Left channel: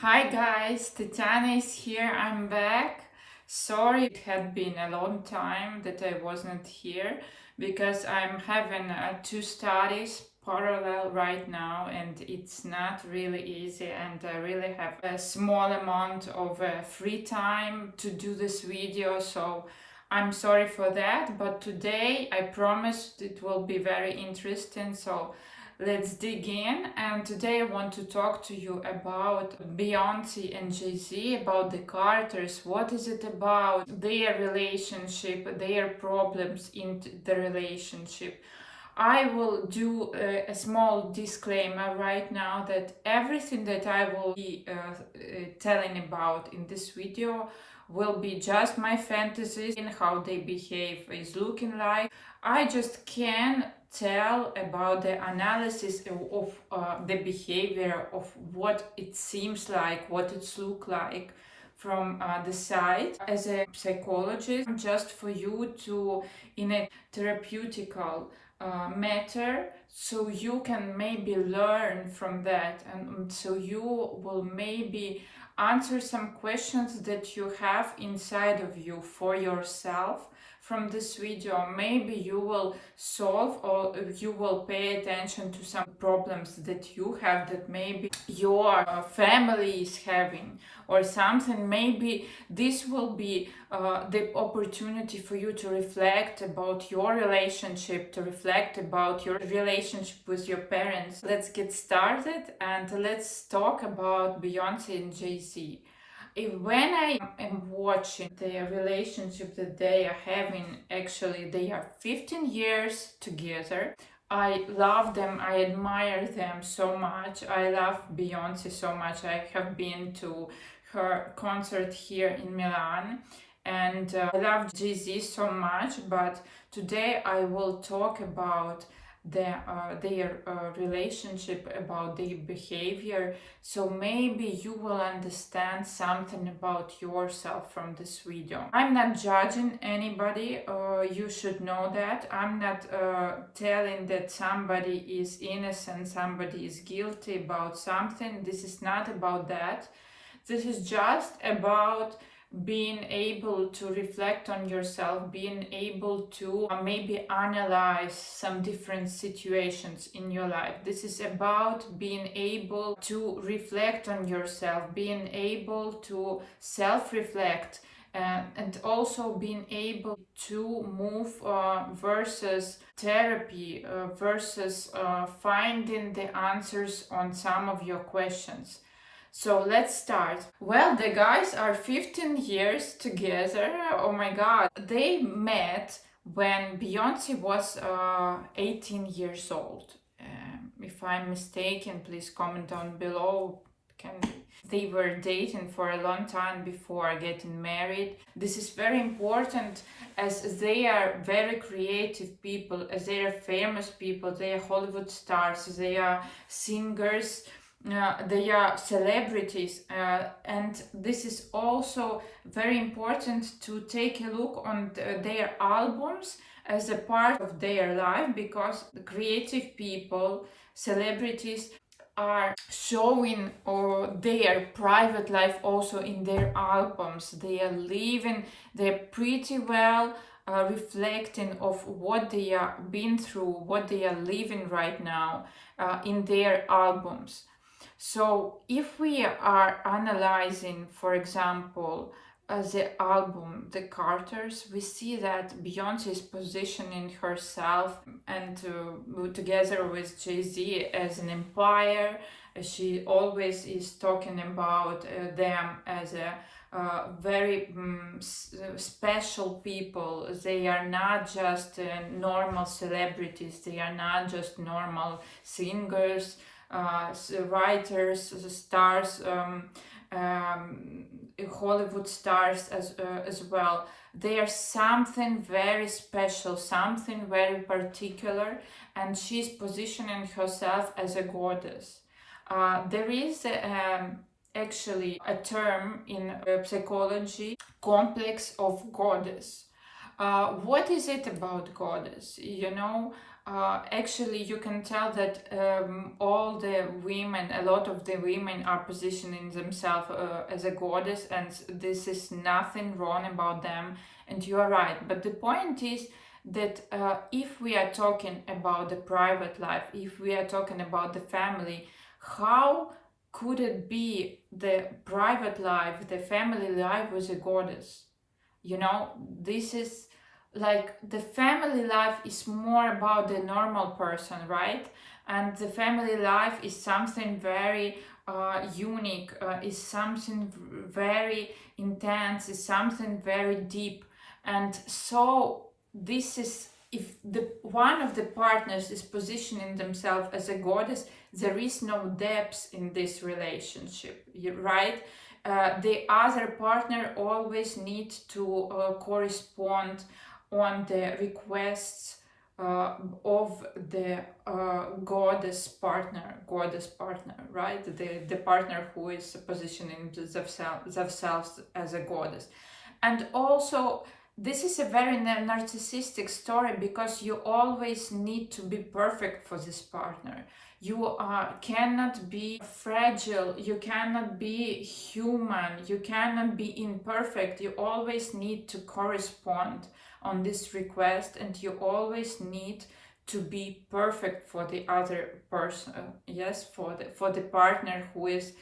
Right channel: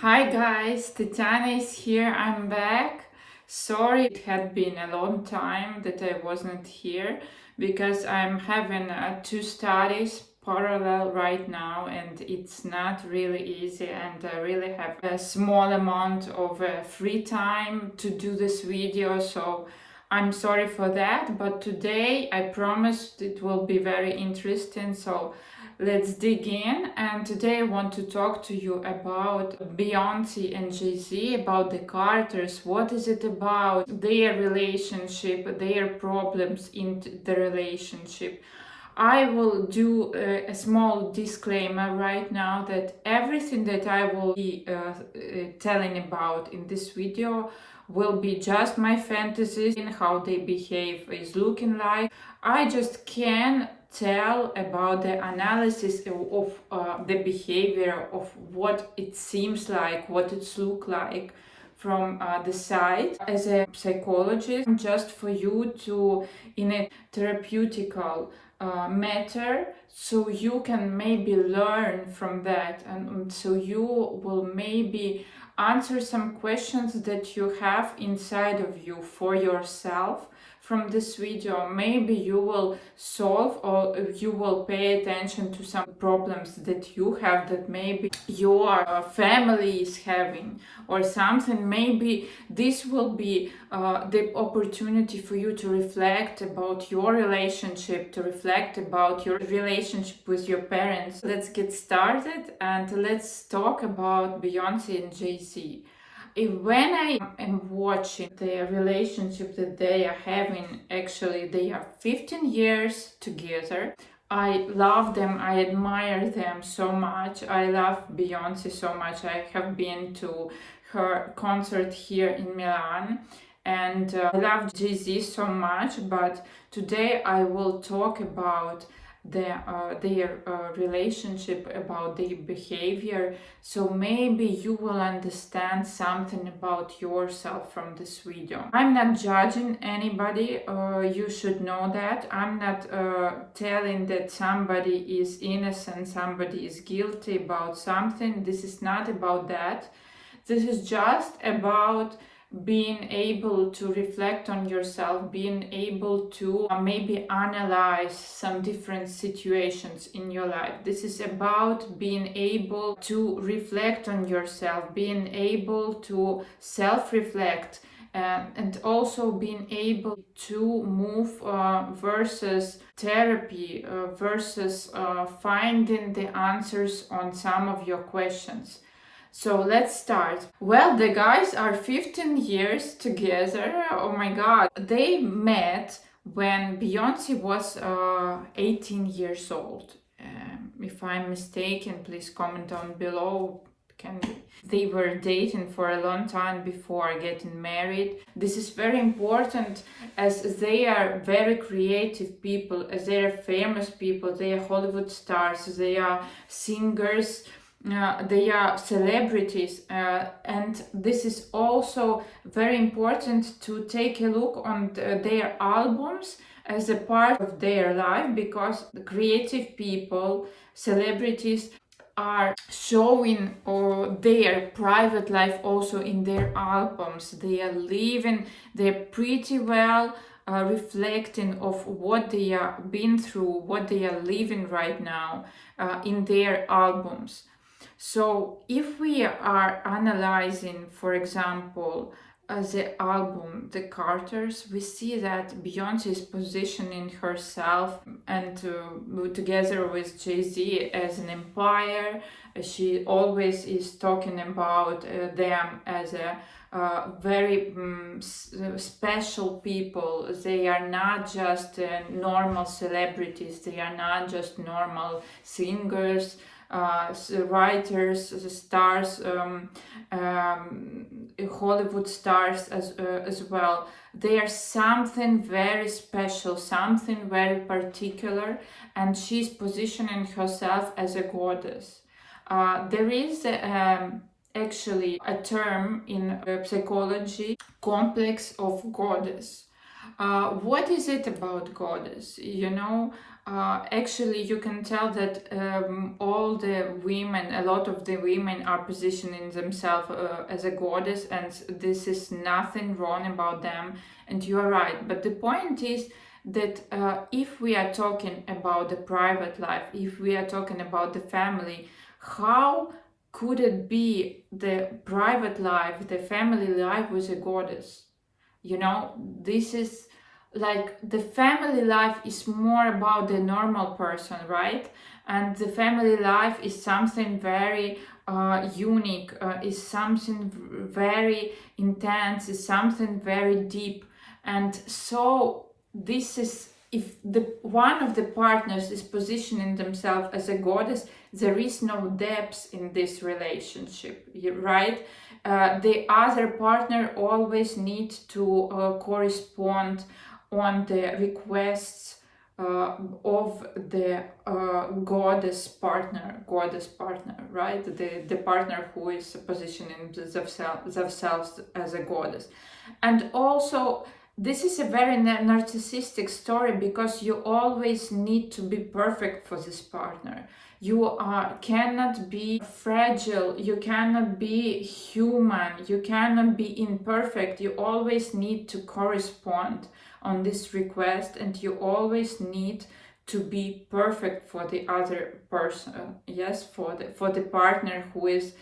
Hi guys, Tatiana is here. I'm back. Sorry, it had been a long time that I wasn't here because I'm having two studies parallel right now, and it's not really easy, and I really have a small amount of free time to do this video, so I'm sorry for that. But today I promised it will be very interesting, so let's dig in. And today I want to talk to you about Beyonce and Jay-Z, about the Carters. What is it about their relationship, their problems in the relationship? I will do a small disclaimer right now that everything that I will be telling about in this video will be just my fantasies and how they behave is looking like. I just can tell about the analysis of the behavior of what it seems like, what it's look like from the side as a psychologist, just for you to in a therapeutical matter, so you can maybe learn from that, and so you will maybe answer some questions that you have inside of you for yourself from this video. Maybe you will solve, or you will pay attention to some problems that you have, that maybe your family is having or something. Maybe this will be the opportunity for you to reflect about your relationship, to reflect about your relationship with your parents. Let's get started and let's talk about Beyonce and Jay-Z. When I am watching the relationship that they are having, actually they are 15 years together. I love them, I admire them so much. I love Beyonce so much. I have been to her concert here in Milan, and I love Jay-Z so much. But today I will talk about their relationship, about their behavior, so maybe you will understand something about yourself from this video. I'm not judging anybody, you should know that. I'm not telling that somebody is innocent, somebody is guilty about something. This is not about that. This is just about being able to reflect on yourself, being able to maybe analyze some different situations in your life. This is about being able to reflect on yourself, being able to self-reflect, and also being able to move versus therapy, versus finding the answers on some of your questions. So let's start. Well, the guys are 15 years together. Oh my god. They met when Beyonce was 18 years old. If I'm mistaken, please comment down below. They were dating for a long time before getting married. This is very important, as they are very creative people, as they are famous people, they are Hollywood stars, they are singers, they are celebrities, and this is also very important to take a look on their albums as a part of their life, because the creative people, celebrities, are showing their private life also in their albums. They are living, they're pretty well reflecting of what they are been through, what they are living right now in their albums. So if we are analyzing, for example, the album The Carters, we see that Beyonce is positioning herself and together with Jay-Z as an empire. She always is talking about them as a very special people. They are not just normal celebrities, they are not just normal singers, writers, stars, Hollywood stars as well. They are something very special, something very particular, and she's positioning herself as a goddess. There is actually a term in psychology, complex of goddess. What is it about goddess? You know, actually you can tell that all the women, a lot of the women are positioning themselves as a goddess, and this is nothing wrong about them, and you are right. But the point is that if we are talking about the private life, if we are talking about the family, how could it be the private life, the family life with a goddess? You know, this is like the family life is more about the normal person, right? And the family life is something very unique, is something very intense, is something very deep. And so this is, if the one of the partners is positioning themselves as a goddess, there is no depth in this relationship, right? The other partner always needs to correspond on the requests of the goddess partner, right? The partner who is positioning themselves as a goddess. And also, this is a very narcissistic story, because you always need to be perfect for this partner. You cannot be fragile, you cannot be human, you cannot be imperfect. You always need to correspond on this request, and you always need to be perfect for the other person, yes, for the partner who is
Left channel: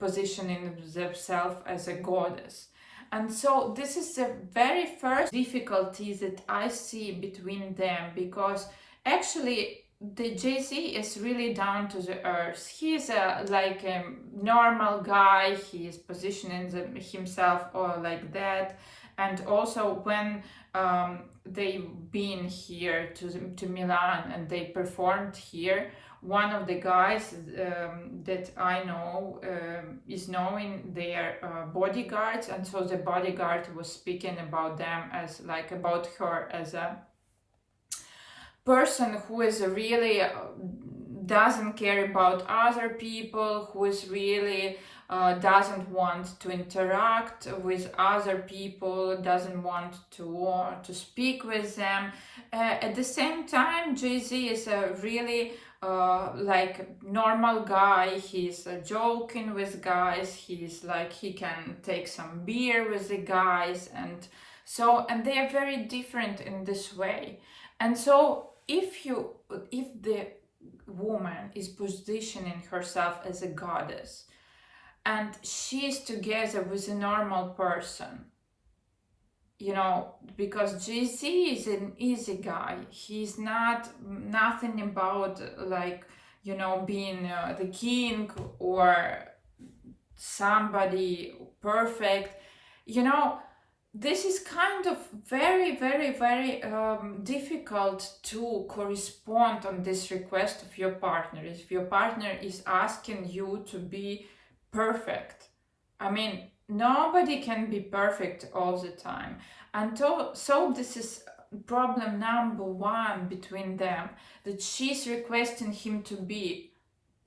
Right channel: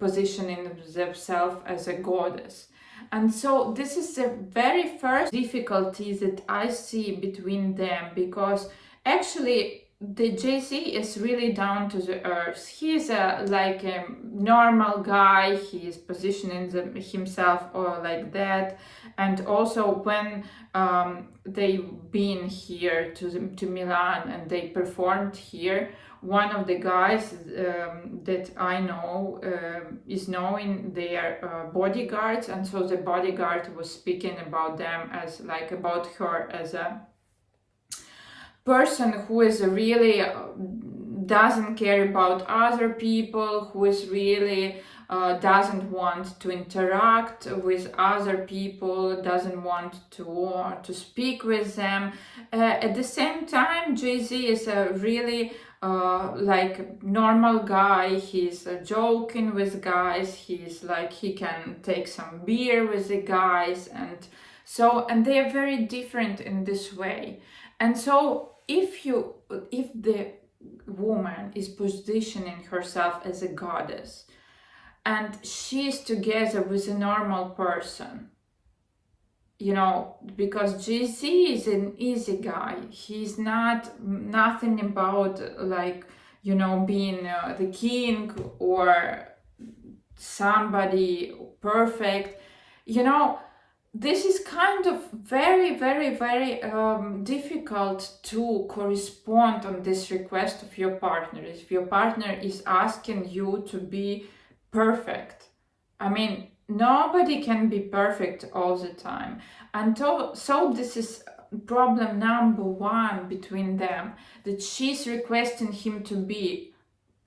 positioning themselves as a goddess. And so this is the very first difficulty that I see between them, because actually the Jay-Z is really down to the earth. He is like a normal guy. He is positioning himself or like that. And also when they been here to Milan and they performed here, one of the guys that I know is knowing their bodyguards, and so the bodyguard was speaking about them as like about her as a person who is really doesn't care about other people, who is really doesn't want to interact with other people, doesn't want to speak with them. At the same time, Jay-Z is a really like normal guy. He's joking with guys. He's like, he can take some beer with the guys, and they are very different in this way. And so if the woman is positioning herself as a goddess and she's together with a normal person, you know, because Jay-Z is an easy guy. He's nothing about like, you know, being the king or somebody perfect, you know. This is kind of very, very, very difficult to correspond on this request of your partner. If your partner is asking you to be perfect, I mean, nobody can be perfect all the time. And so this is problem number one between them, that she's requesting him to be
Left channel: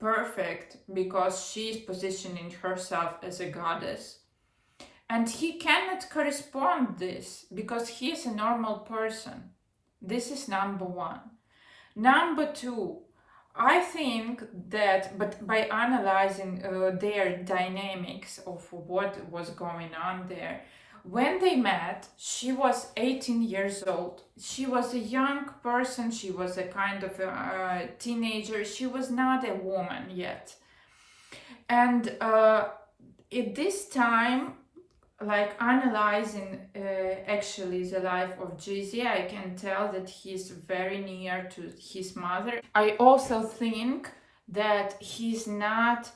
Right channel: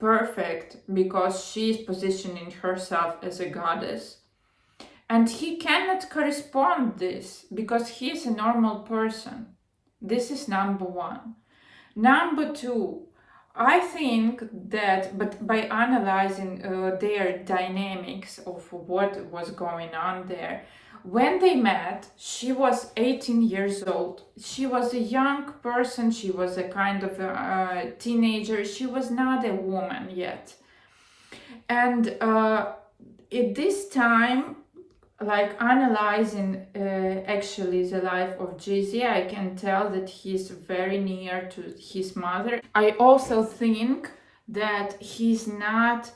perfect because she's positioning herself as a goddess. And he cannot correspond this because he is a normal person. This is number one. Number two, I think that, but by analyzing their dynamics of what was going on there, when they met, she was 18 years old. She was a young person. She was a kind of a teenager. She was not a woman yet. And at this time, like analyzing actually the life of Jay-Z, I can tell that he's very near to his mother. I also think that he's not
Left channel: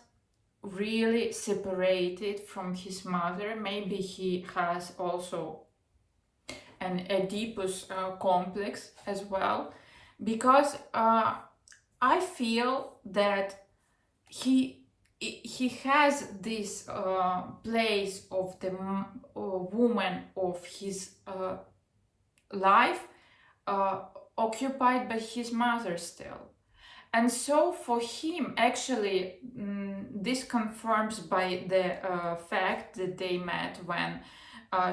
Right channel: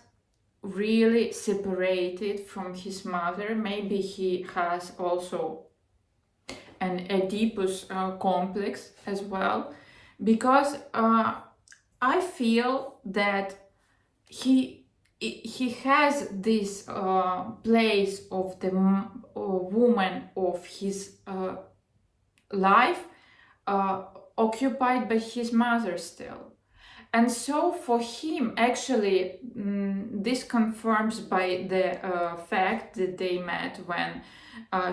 really separated from his mother. Maybe he has also an Oedipus complex as well, because I feel that he has this place of the woman of his life occupied by his mother still. And so for him, actually, this confirms by the fact that they met when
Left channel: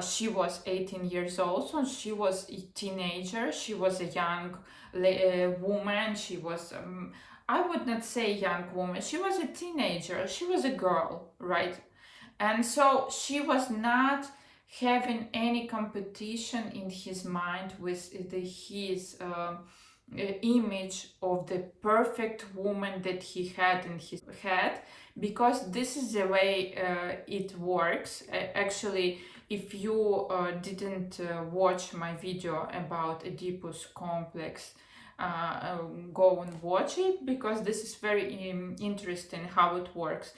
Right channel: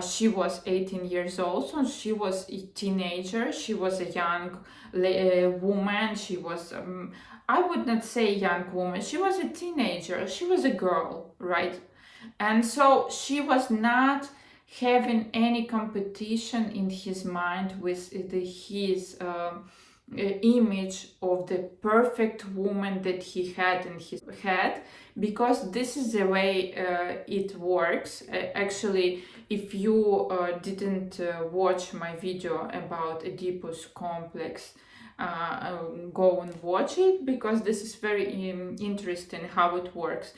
she was 18 years old. So she was a teenager, she was a young woman, she was, I would not say young woman, she was a teenager, she was a girl, right? And so she was not having any competition in his mind with his image of the perfect woman that he had in his head, because this is the way it works. Actually, if you didn't watch my video about Oedipus complex, go and watch it, because this is very interesting how it works.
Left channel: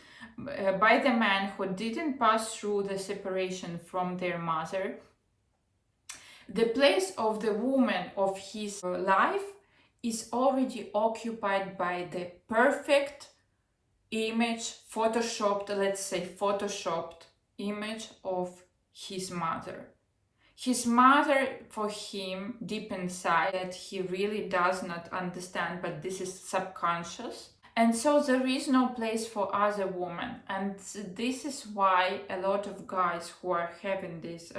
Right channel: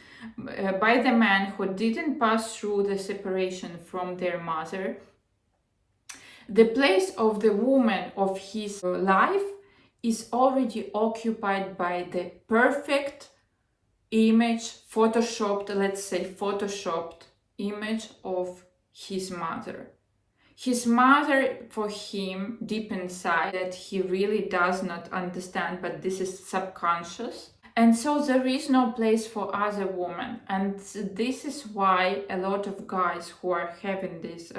By the man who didn't pass through the separation from their mother, the place of the woman of his life is already occupied by the perfect image, photoshopped, let's say photoshopped image of his mother. His mother, for him, deep inside, that he really does not understand, but this is subconscious. And so there is no place for other women. And this is why a lot of guys who are having this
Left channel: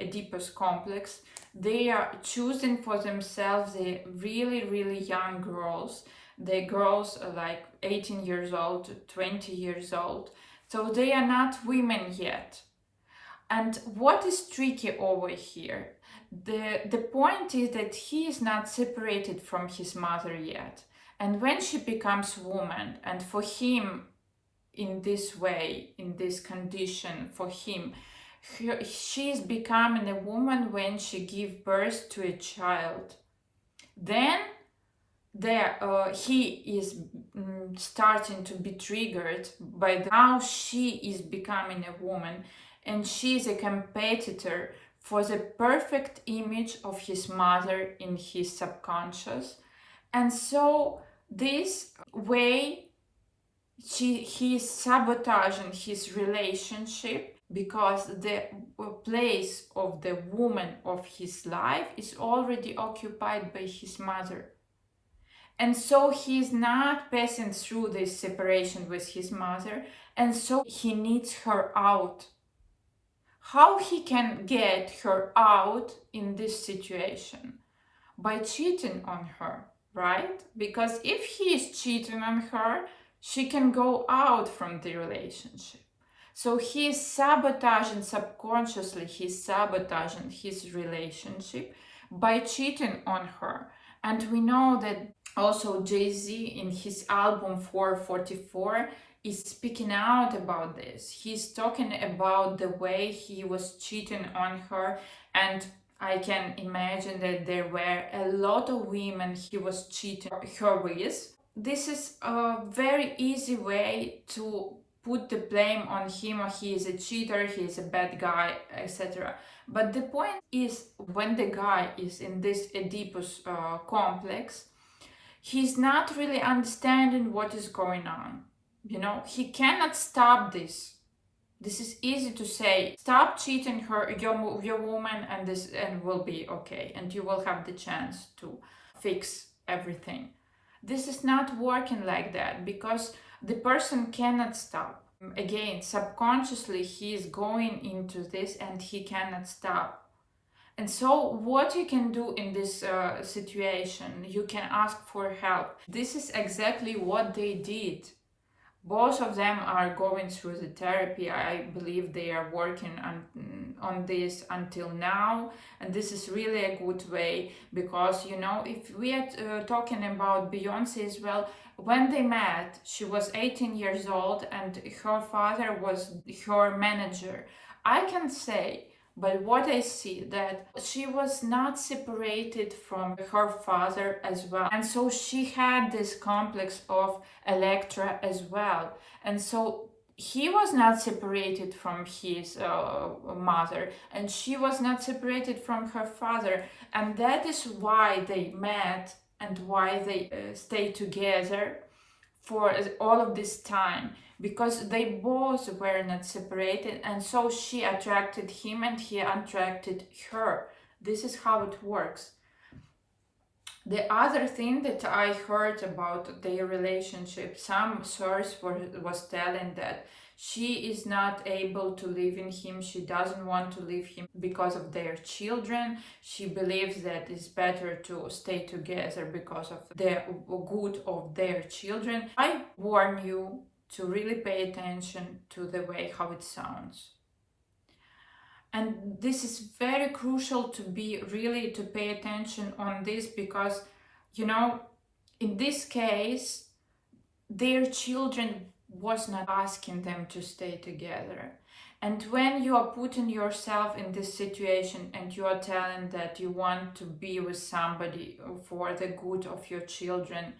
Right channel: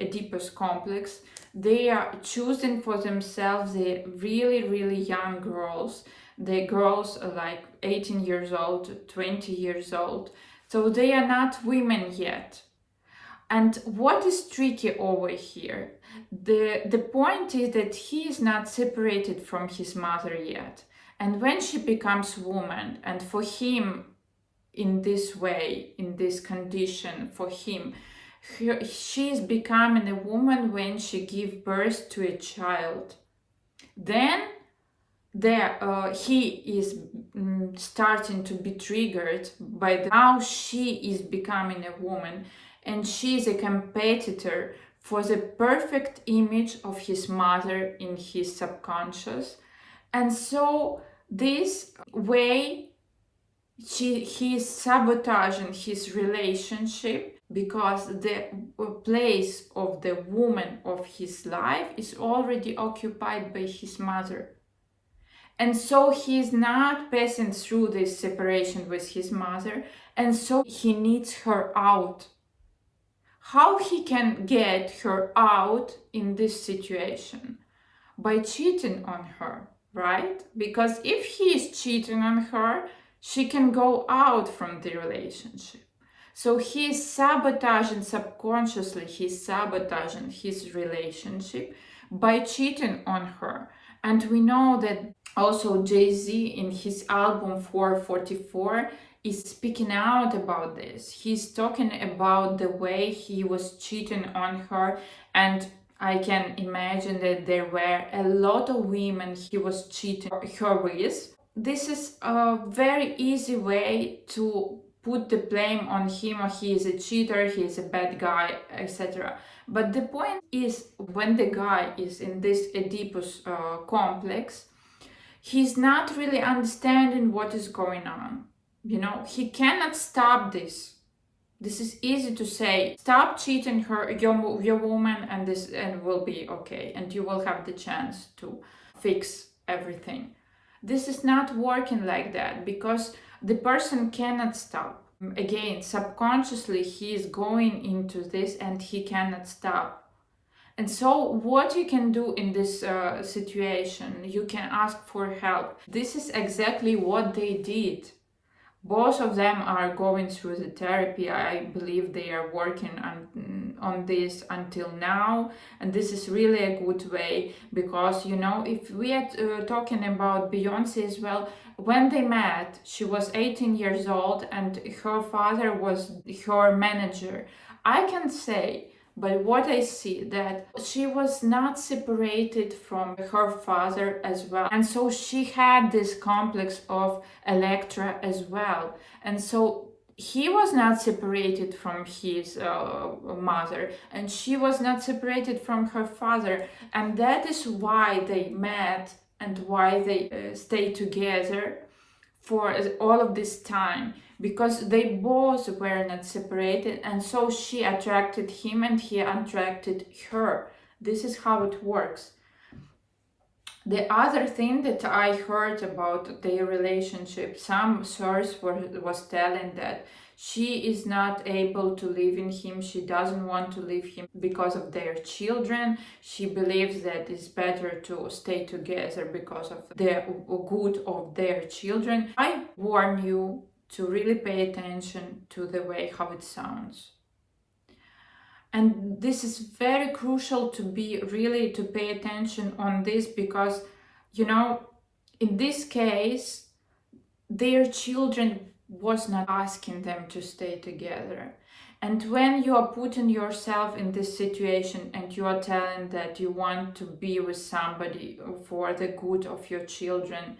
Oedipus complex, they are choosing for themselves the really, really young girls. The girls are like 18 years old, 20 years old. So they are not women yet. And what is tricky over here? The point is that he is not separated from his mother yet. And when she becomes woman, and for him, in this way, in this condition, for him, she is becoming a woman when she gives birth to a child. Then he is starting to be triggered by now she is becoming a woman, and she is a competitor for the perfect image of his mother in his subconscious. And so this way he is sabotaging his relationship, because the place of the woman of his life is already occupied by his mother. And so he is not passing through this separation with his mother, and so he needs her out. How he can get her out in this situation? By cheating on her, right? Because if he is cheating on her, she can go out from the relationship. So he is sabotaging, subconsciously, he's sabotaging his relationship by cheating on her. And we know that also Jay-Z in his album 444 is speaking out about this. He's talking about the way he was cheating on her, and I can imagine that there were a lot of women he was cheating her with. This is a very easy way to put the blame on him, or he is a cheater, he is a bad guy, etc. But the point is, when the guy is in this Oedipus complex, he's not really understanding what is going on. You know, he cannot stop this. This is easy to say, stop cheating your woman, and will be okay, and you will have the chance to fix everything. This is not working like that, because the person cannot stop. Again, subconsciously he is going into this and he cannot stop. And so what you can do in this situation, you can ask for help. This is exactly what they did. Both of them are going through the therapy. I believe they are working on this until now, and this is really a good way, because, you know, if we are talking about Beyonce as well, when they met, she was 18 years old and her father was her manager. I can say, but what I see, that she was not separated from her father as well. And so she had this complex of Electra as well. And so he was not separated from his mother, and she was not separated from her father. And that is why they met and why they stayed together for all of this time, because they both were not separated, and so she attracted him and he attracted her. This is how it works. The other thing that I heard about their relationship, some source was telling that she is not able to live in him, she doesn't want to leave him because of their children. She believes that it's better to stay together because of the good of their children. I warn you to really pay attention to the way how it sounds. And this is very crucial to pay attention on this, because in this case their children was not asking them to stay together. And when you are putting yourself in this situation and you are telling that you want to be with somebody for the good of your children,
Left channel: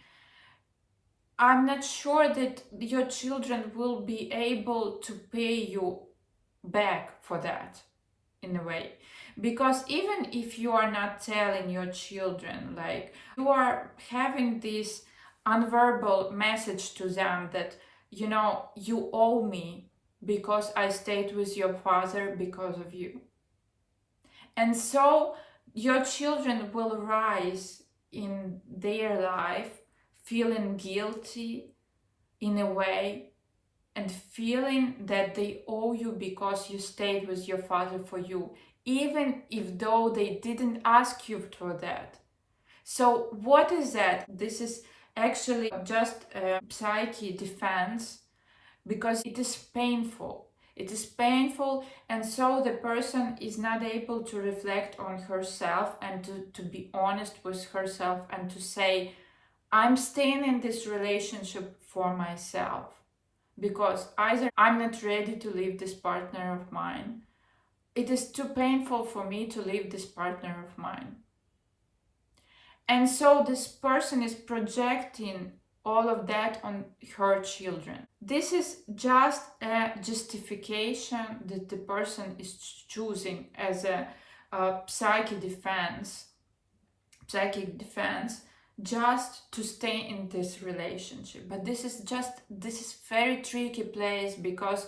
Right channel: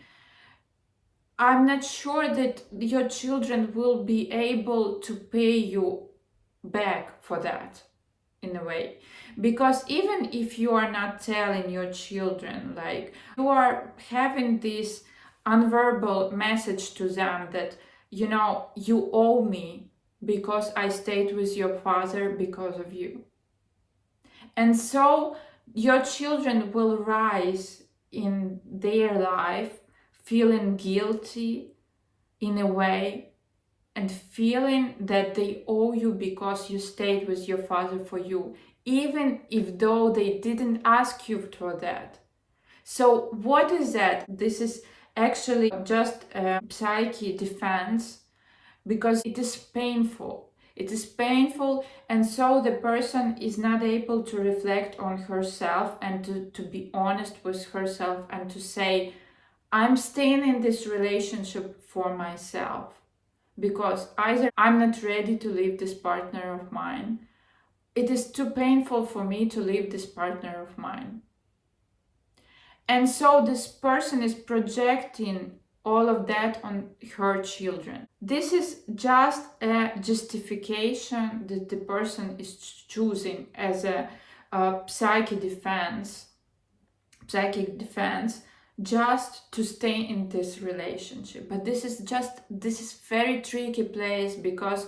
I'm not sure that your children will be able to pay you back for that, in a way. Because even if you are not telling your children, like, you are having this unverbal message to them that you owe me because I stayed with your father because of you. And so your children will rise in their life feeling guilty in a way, and feeling that they owe you because you stayed with your father for you, even if though they didn't ask you for that. So what is that? This is actually just a psyche defense, because it is painful. It is painful, and so the person is not able to reflect on herself and to be honest with herself and to say, I'm staying in this relationship for myself, because either I'm not ready to leave this partner of mine, it is too painful for me to leave this partner of mine. And so this person is projecting all of that on her children. This is just a justification that the person is choosing as a psychic defense, just to stay in this relationship. But this is very tricky place, because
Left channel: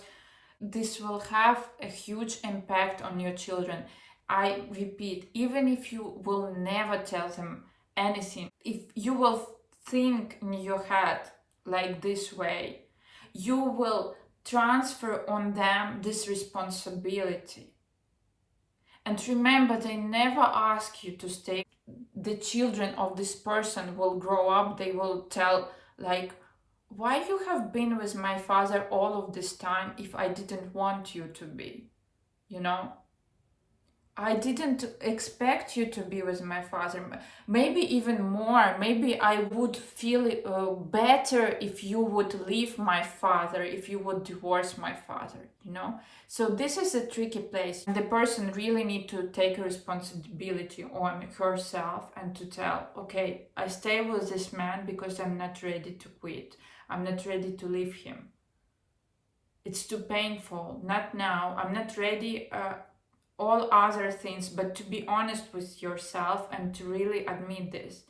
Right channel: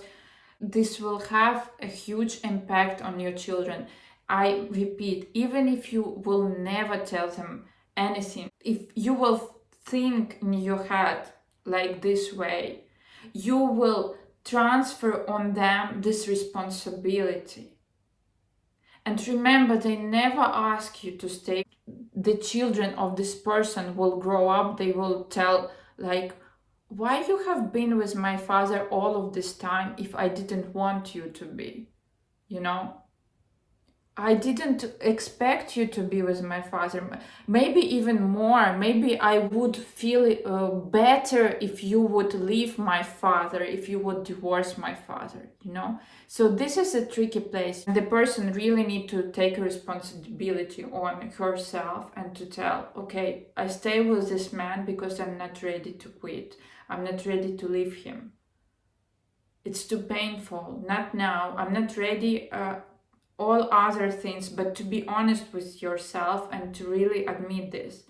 this will have a huge impact on your children. I repeat, even if you will never tell them anything, if you will think in your head like this way, you will transfer on them this responsibility. And remember, they never ask you to stay. The children of this person will grow up, they will tell, like, why you have been with my father all of this time if I didn't want you to be? I didn't expect you to be with my father. Maybe even more. Maybe I would feel better if you would leave my father, if you would divorce my father, So this is a tricky place. The person really need to take responsibility on herself and to tell, okay, I stay with this man because I'm not ready to quit. I'm not ready to leave him. It's too painful. Not now. I'm not ready. All other things, but to be honest with yourself and to really admit this,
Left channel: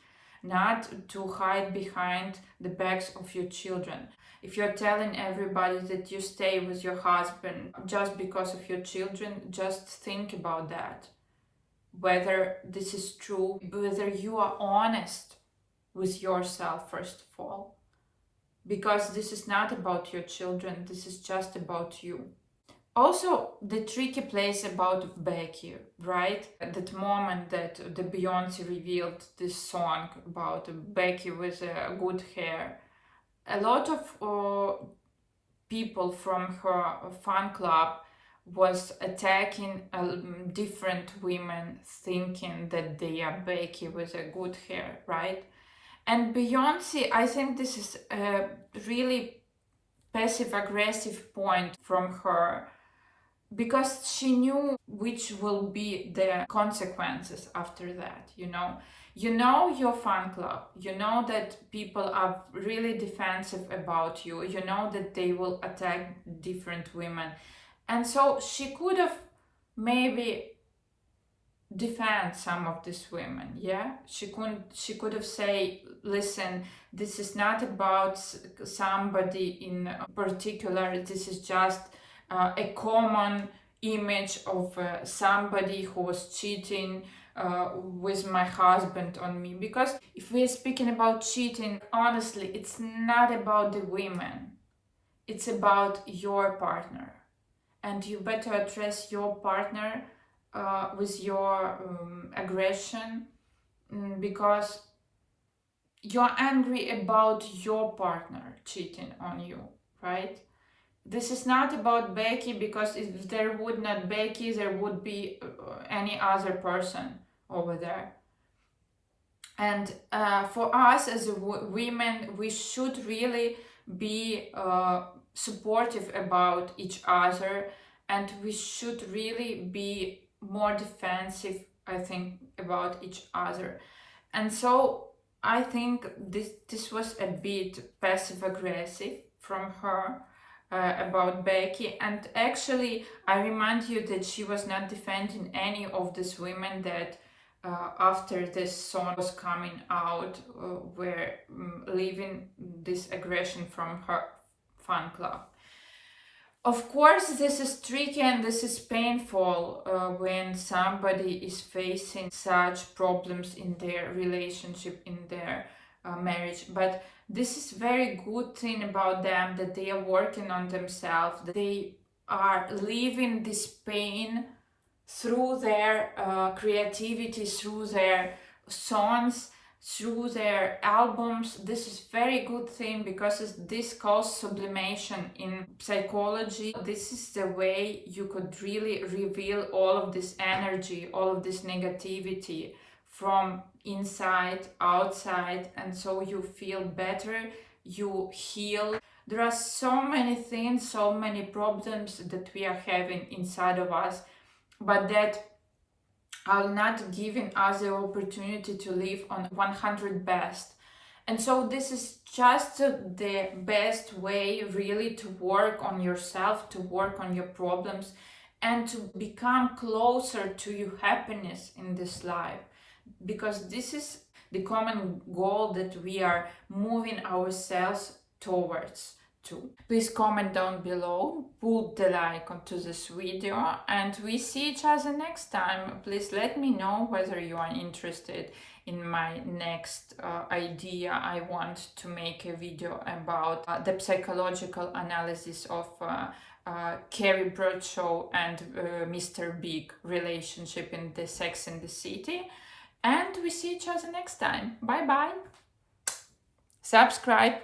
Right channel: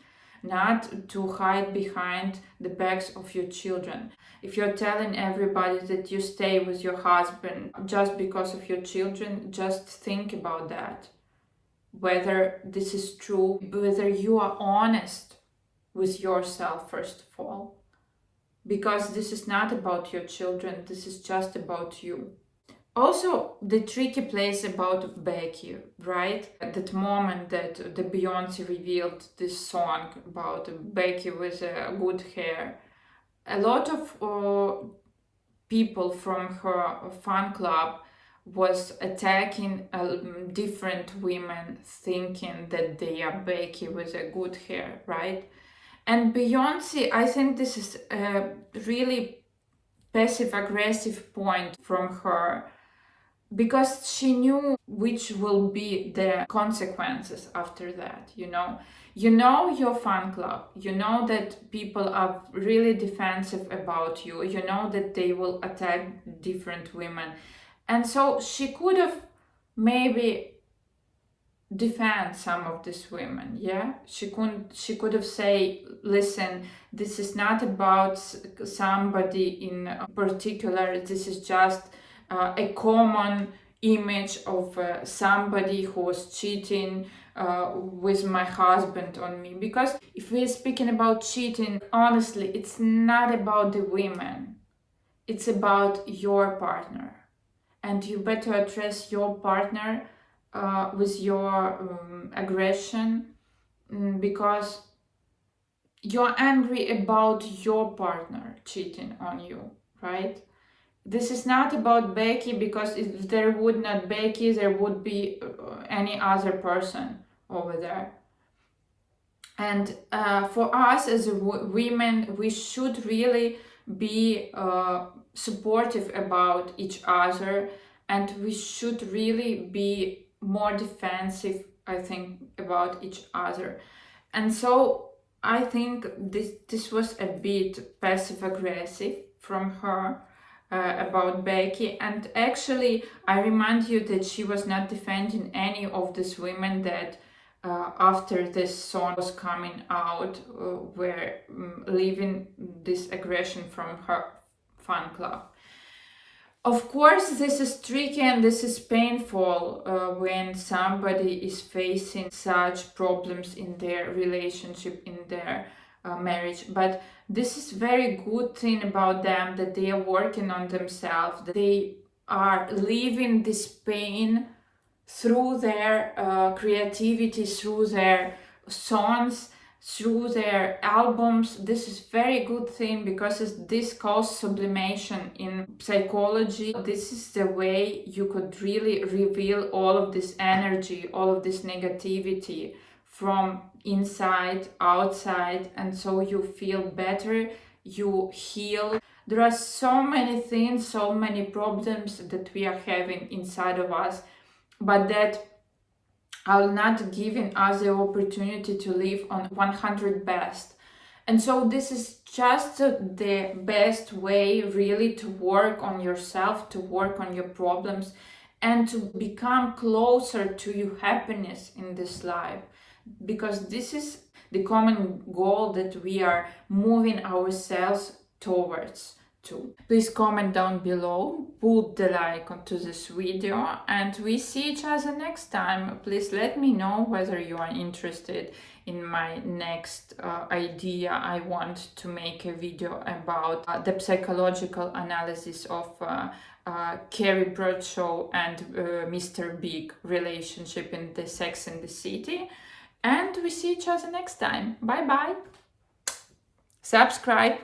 not to hide behind the backs of your children. If you're telling everybody that you stay with your husband just because of your children, just think about that, whether this is true, whether you are honest with yourself first of all, because this is not about your children, this is just about you. Also, the tricky place about Becky, right? At that moment that the Beyonce revealed this song about Becky with good hair, a lot of people from her fan club was attacking different women, thinking that they are Becky with a good hair, right? And Beyonce, I think this is a really passive-aggressive point from her, because she knew which will be the consequences after that. You know your fan club, you know that people are really defensive about you, you know that they will attack different women, and so she could have maybe defend some of these women. She could have say, listen, this is not about somebody in particular, this is just a common image of somebody who was cheating with my husband on me. Because if we're speaking about cheating, honestly, it's not about the women, it's about your partner. And you better address your partner with your aggression, because you're angry about your partner cheating on you, right? This is not about Becky, because if there would not Becky, there would be any other person over there. And for us as women, we should really be supportive about each other, and we should really be more defensive, I think, about each other. And so I think this was a bit passive aggressive from her about Becky. And actually, I remind you that she was not defending any of these women that after this song was coming out were leaving this aggression from her fan club. Of course, this is tricky and this is painful when somebody is facing such problems in their relationship, in their marriage. But this is very good thing about them, that they are working on themselves, that they are living this pain through their creativity, through their songs, through their albums. This is very good thing, because this calls sublimation in psychology. This is the way you could really reveal all of this energy, all of this negativity from inside, outside, and so you feel better, you heal. There are so many things, so many problems that we are having inside of us, but that are not giving us the opportunity to live on 100 best. And so this is just the best way really to work on yourself, to work on your problems, and to become closer to your happiness in this life, because this is the common goal that we are moving ourselves towards. Please comment down below, put the like onto this video, and we see each other next time. Please let me know whether you are interested in my next idea. I want to make a video about the psychological analysis of Carrie Bradshaw and Mr. Big relationship in the Sex and the City. And we see each other next time. Bye bye. Subscribe.